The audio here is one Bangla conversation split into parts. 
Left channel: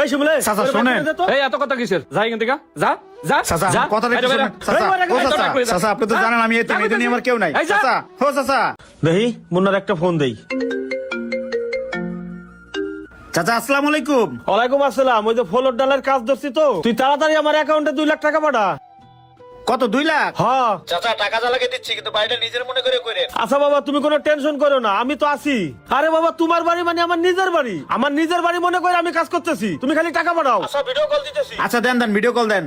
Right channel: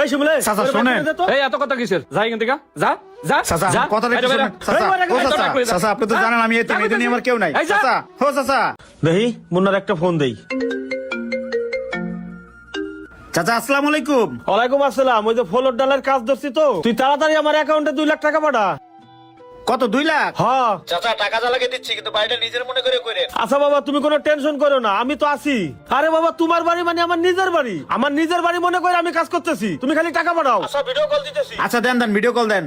এই শিমুলে চাচা শুনেন এই এত কথা কিসের যাই এখান থেকে যাও যা চাচা যাও। কথা চাচা আপনি তো জানেন আমি এতে মেয়েদের নিয়ে আমার কেউ নাই চাচা হ্যাঁ চাচা দেখি মুন্নার একটা ফোন দেই। চাচা আসসালামু আলাইকুম। ওয়ালাইকুম আসসালাম। ওই যে ফলোর ডালার কাজ ধরছি তো, তুই তাড়াতাড়ি আমার অ্যাকাউন্টে 2 লাখ টাকা পাঠাও। কত 2 লাখ? হ্যাঁ চাচা টাকা দিলে দিচ্ছি কিন্তু বাড়িটা নিজের মনে করে করে। আচ্ছা বাবা তুমি কোনো টেনশন করো না, আমি তো আছি। আরে বাবা তোমার বাড়ি মানে আমার নিজের বাড়ি, আমার নিজের বাড়ি মনে করে আমি কাজ করতেছি, তুমি খালি টাকা পাঠাও। আচ্ছা ভিডিও কল দিতেছি। আচ্ছা দেন ভিডিও কল দেন।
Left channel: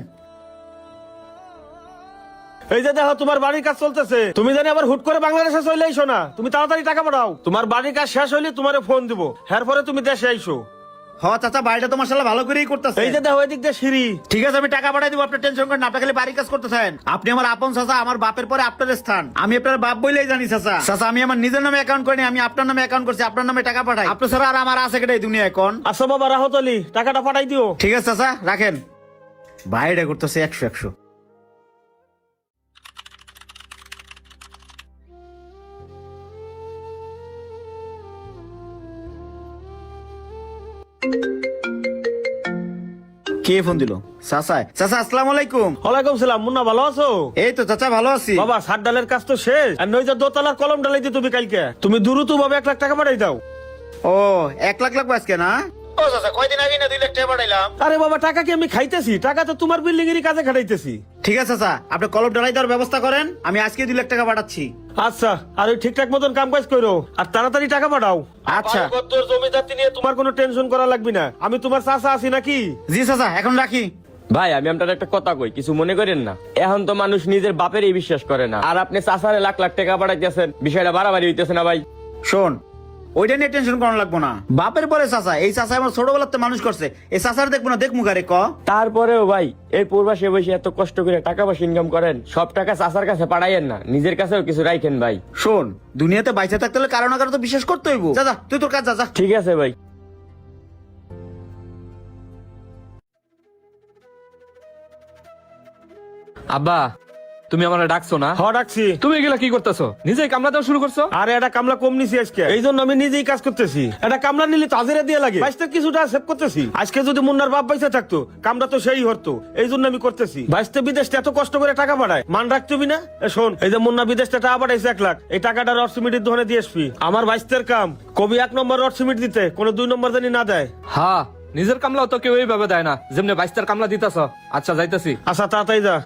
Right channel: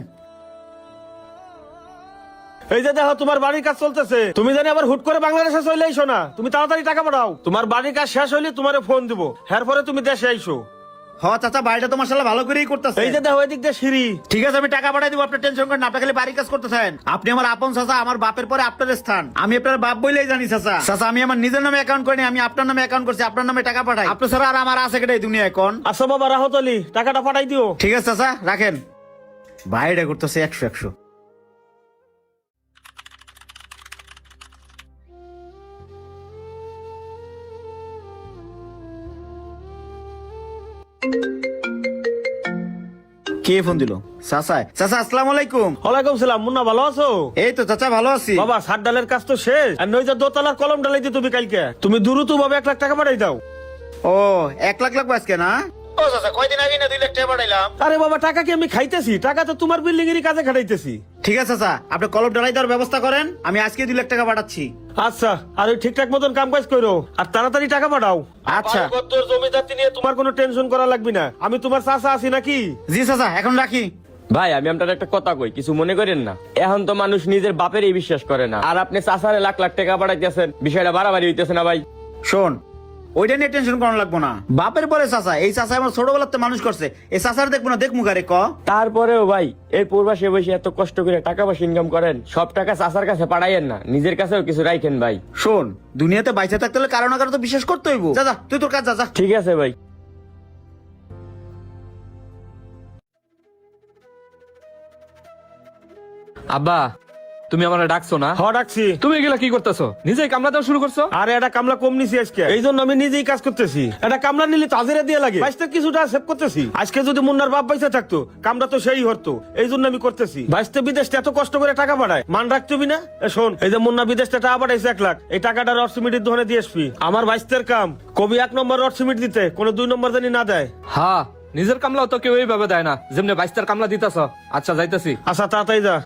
এই যে দেখো তোমার বাড়ির কাজ চলতেছে, তুমি জানি আবার হুট করে বাংলাদেশে চলে আইসো না, তুমি তাড়াতাড়ি টাকা পাঠাও। তোমার বাড়ির কাজ শেষ হইলে তোমারে ফোন দিব, এরপরে তুমি দেশে আইসো। হ্যাঁ চাচা বাড়িটা তো মাশাআল্লাহ ভালো করেই করতেছে। এই যে দেখো এদিক দিয়ে সিঁড়ি। ঠিক আছে আমি টাকা পাঠাই দিব, আপনি টেনশন করেন না, আপনি খালি বাড়ির কাজ করতেছেন। আপনি আমার আপন চাচা, আমার বাপের পরে আপনার স্থান, আমি আপনার বাপ বলেই জানি চাচা। চাচা আমি আমার নিজের নামে অ্যাকাউন্ট করিনি, আমি আপনার নামে অ্যাকাউন্ট করছি, আপনার নামে টাকা পাঠাই। আপনি ছাড়া আর আমার আছে কেটে দুনিয়া এখন। আচ্ছা বাবা রাহত আলী টাকাটা পাঠাই দিও। ঠিক আছে চাচা রাখেন। বাইরে করতেছে 100 কে ফোন দিল? চাচা চাচা আসসালামু আলাইকুম। ওয়ালাইকুম সালাম। মুন্না ভালো আছো? এই তো চাচা ভালো আছি। বাবা সাত ডালের কাজ তো শেষ, আর নই যে দোতলার কলম ডালাই দিয়ে তুমি কালকে তুমি দ্রুত ভাবে 1 লাখ টাকা পাঠাই দাও। ও 1 লাখ লাগবে আজকে না? ও চাচা কয়দিন আগে না 2 লাখ টাকা পাঠাইলাম। আরে বাবা টাকা কি আমি খাইতেছি? টাকা তো তোমার বিল্ডিং এরই কাজে খাটাইতেছি। ঠিক আছে চাচা আপনি কলম ডালাই দেওয়ার ব্যবস্থা করেন, আমি আজকে 2 লাখ টাকা পাঠাচ্ছি। আচ্ছা আর ওই ঠিকঠাক মতন কাম কাজ করো, আর তাড়াতাড়ি টাকা পাঠাও। আচ্ছা। আমার তোর জমিদারি নিয়ে তোমার কোনো টেনশন করা লাগবে না, আমি তোমার চাচা আছি নাকি। জি চাচা এখন রাখি। ভাই আমি আপনার একটা কথা কই, কিছু মনে করেন না। এখন তো মানুষ নিজের বাপেরই বিশ্বাস করে না, আর আপনি চাচারে লাখ লাখ টাকা পাঠাইতেছেন, বিষয়টা বাড়াবাড়ি হইতেছে না ভাই? শোন ওইটা নিয়ে টেনশন করা লাগবো না, বাপের পরে চাচা, এই চাচা আমার ছোটবেলাতে মানুষ করছে, এই চাচার দেখবো না, দেখ মুখে রেখো। তারপরেও ভাই এই প্রবাসে বসে এত কষ্ট করে টাকা পয়সা ইনকাম করেন, সব টাকা চাচার কাছে পাঠাইয়েন না, নিজের কাছেও কিছু রাখেন ভাই। শোন দুনিয়াতে বাইচে থাকতে হলে কারো না কারো তো বিশ্বাস করতে হইব। চাচা তুই তোর কাজ চাচা। ঠিক আছে ভাই। আব্বা তুমি আমার ডাকছো না? হ্যাঁ ডাকছি। তুমি এগুলা কি করতেছো? নিজেই কামলা দেওয়া শুরু করছো? আরে এটা কামলা কম নিছি আজকে, এই জন্য আমি নিজেই কাজ করতেছি। এটা কামলা নিলে তো হাজিরা দিয়ে লাগে, বাইশটা কিছুটা সেভ করতেছি। আজকে যদি মুন্নার বাপ পয়সা থাকতো কামলা তো সেই হতো, এই জন্য আমি করতেছি। বাইশটা বিদেশটা এত কষ্ট করে টাকা পাঠায়, মান রাখছবি না? শোন এই যে মুন্না বিদেশটা টাকা পাঠাইছে 1 লাখ, এই টাকাটা রড সিমেন্টের দোকানে দিয়ে আসবি। আমার বাইশটার কাম কবি 1 নম্বর রড সিমেন্ট দিতে, কোনো 2 নম্বর জানি না দেয়। হ্যাঁ নিজের কামলা তো কেউ এইভাবে দেয় না, যেমনি বাইশটার কামলা দিতেছ। আচ্ছা যাইতেছি। আচ্ছা তাড়াতাড়ি যা।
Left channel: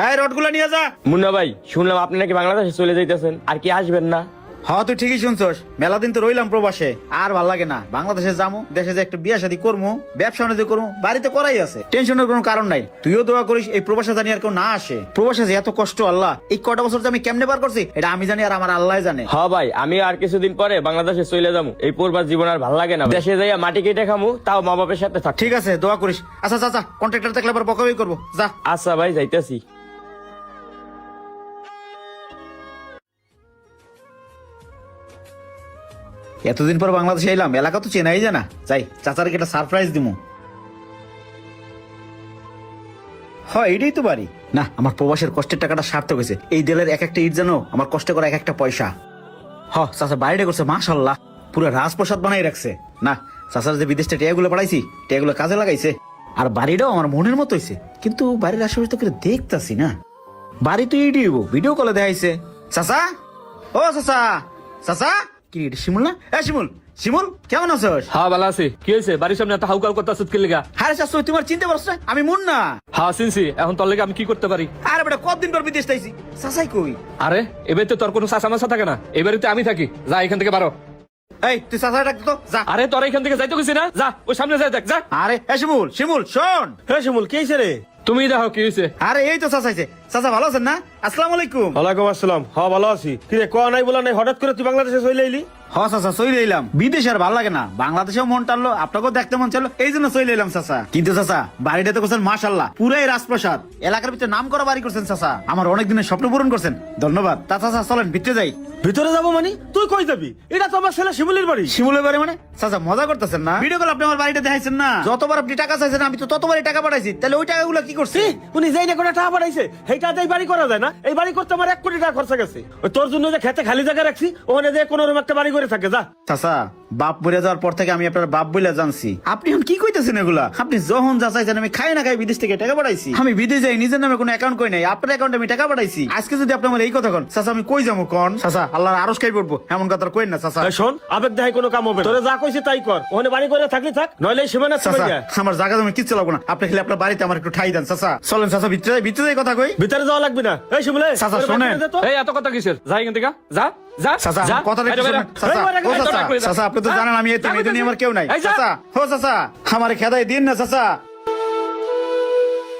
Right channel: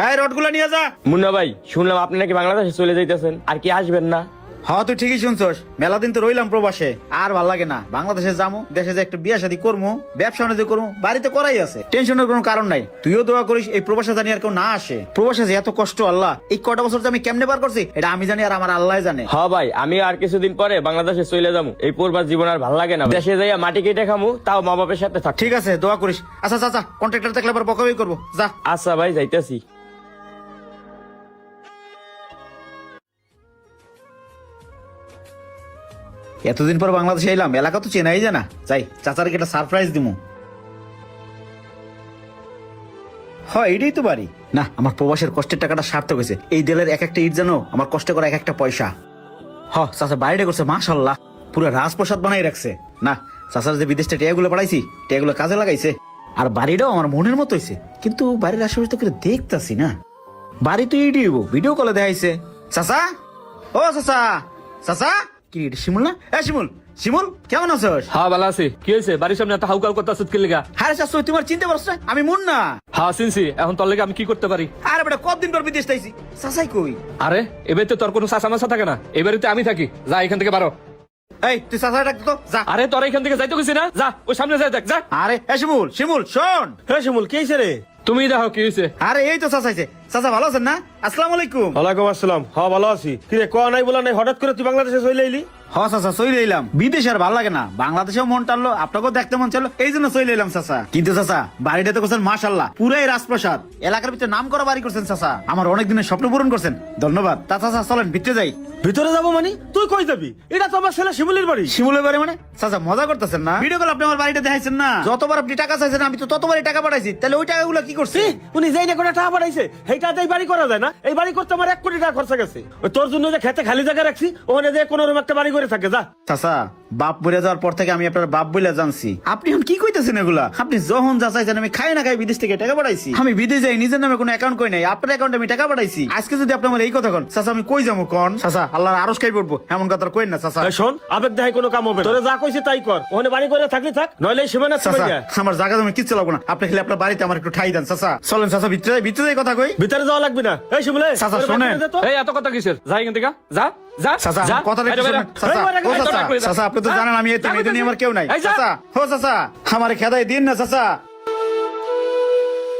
হ্যাঁ রডগুলো নিয়ে যা। মুন্না ভাই শুনলাম আপনি নাকি বাংলাদেশে চলে যাইতেছেন, আর কি আসবেন না? হ্যাঁ তুই ঠিকই শুনছস, মেলা দিন তো রইলাম প্রবাসে, আর ভাল লাগে না। বাংলাদেশে যাবো, দেশে যে একটু বিয়ে শাদী করবো, ব্যবসা বাণিজ্য করবো, বাড়িতে করাই আছে, টেনশনের কোনো কারণ নাই। তুইও দোয়া করিস এই প্রবাসে জানি আর কেউ না আসে। প্রবাসে যে এত কষ্ট আল্লাহ, এই কটা বছর যে আমি কেমনে পার করছি এটা আমি জানি আর আমার আল্লাহ জানে। হ্যাঁ ভাই আমি আর কিছুদিন পরে বাংলাদেশে চলে যাবো, এই পূর্বার জীবন আর ভালো লাগে না, দেশে যাইয়া মাটি কেটে খেলি, তাও মা বাবার সাথে থাক। ঠিক আছে দোয়া করিস। আচ্ছা চাচা কন্ট্রাক্টর দেখলে আবার বকাবকি করবো, যা। আচ্ছা ভাই যাইতেছি। এতদিন পর বাংলাদেশে এলাম, এলাকা তো চেনাই জানা, যাই চাচারকে একটা সারপ্রাইজ দিমু। হয় এটাই তো বাড়ি না, আমার প্রবাসের কষ্টের টাকাটা সার্থক হয়েছে। এই দেলের এক একটা ইট জানো, আমার কষ্ট করা এক একটা পয়সা। হ্যাঁ চাচা বাড়িটা করছে মাশাআল্লাহ, পুরো রাজপ্রাসাদ বানাই রাখছে। না চাচার যে বিদেশে টেয়াগুলো পাঠাইছি, টেয়াগুলো কাজে লাগাইছে, আর বাড়িটাও আমার মনের মতো হয়েছে। কিন্তু বাড়ির আশেপাশে তো করে দেখতাছি না, বাড়ি তো এটি ভিডিও কলে দেখাইছে। চাচা ও চাচা, চাচা কি শিমুল না? শিমুল, শিমুল কেমন আছোস? হ্যাঁ ভালো আছি। কি হয়েছে? বাড়ির সামনে এত হাউকাউ করতেছ কি লাগা? আরে চাচা তোমার চিনতে পারছ না? আমি মুন্না। হ্যাঁ চিনছি। এখন তোর লাগা আমি কি করতে পারি? আরে বেটা কতদিন পর বিদেশ আইছি, চাচাই কই? আরে এবার তো তোর কোনো চাচা মাসা থাকে না, এবারে তো আমি থাকি। যা এখান থেকে বারো। এই তুই চাচা ডাক তো যা। আরে তোর এখান থেকে যাইতো কিছু না, যা ওই সামনে যা, দেখ যা। আরে শিমুল, শিমুল শোন। শিমুল কে রে? তুমি দেখো কি হয়েছে। আরে এই তো চাচা আইছে। চাচা ভালো আছেন না? আসসালামু আলাইকুম। ওয়ালাইকুম আসসালাম। হ্যাঁ ভালো আছি। কি রে কোয়া নাই বলা নাই, হঠাৎ করে তুই বাংলাদেশে চলে এলি? হ্যাঁ চাচা চলে এলাম, বিদেশে আর ভালো লাগে না, বাংলাদেশেও মন টানলো, আপনাকেও দেখতে মন ছিল, এই জন্য চলে এলাম চাচা। কিন্তু চাচা বাড়িটা তো করছেন মাশাআল্লাহ, পুরাই রাজপ্রাসাদ, এলাকার ভিতরে নাম করা বাড়ি করছেন চাচা, আমার অনেক দিনের স্বপ্ন পূরণ করছেন, ধন্যবাদ। তা চাচা চলেন ভিতরে যাই। ভিতরে যাবো মানে? তুই কই যাবি? এটা তো আমার ছেলে শিমুলের বাড়ি। শিমুলের বাড়ি মানে? চাচা মজা করতেছেন না? ভিডিও কল আপনি আমার বাড়িটা দেখাইছেন না, যতবার আপনি টাকা চাইছেন আমি তো ততবারই টাকা পাঠাইছি, তাহলে ওই টাকাগুলো কি করছি? উনি যাই না করে টাকা পাঠাইছে, এই এই টাকাতে এই বাড়ি করা যায় না? এই বাড়ি করতে আমার 1 কোটি টাকা খরচা গেছে। ওই তোর জন্য যে খেতে খালি জায়গা রাখছি, ওখানে যে কোনো রকম একটা বাড়ি করে থাকে, যা। চাচা, বাপ বলে যাওয়ার পর থেকে আমি আপনার বাপ বলে জানছি। আপনি এখন কি কইতেছেন এগুলা? আপনি যখন যা চাইছেন আমি খাই না খাই বিদেশ থেকে টাকা পাঠাইছি। আমি বিদেশ যাই, নিজের নামে কোনো অ্যাকাউন্ট কই নাই, আপনার অ্যাকাউন্টে আমি টাকা পাঠাইছি। আজকে যদি আপনি আমার এই কথা কোন, চাচা আমি কই যাবো কোন? চাচা, আল্লাহর আরশ খাই পড়বো, এমন কথা কইন না চাচা। এই শোন, আবেগ দেখায় কোনো কাম হবে না। তোরে যা কইছে তাই কর। ওখানে বাড়ি করে থাকলে থাক, নইলে এই সীমানা চাচা, ছাড়া। আমার জায়গা জমি কিচ্ছু লাগবো না, আপনি খালি আপনার বাড়িতে আমার একটু ঠাই দেন। চাচা চলেন, চাচা ভিতরে ভিতরে কথা কই। ভিতরে যাওয়া লাগবে না। এই শিমুলে, চাচা শোনেন, এই এত কথা কিসের? যাই এখান থেকে, যা যা চাচা যা। কথা বাইরে, বাইরে। চাচা, আপনি তো জানেন আমি এটা নিয়ে আমার কেউ নাই। চাচা, ও চাচা, আমার খেদাই দিন না চাচা।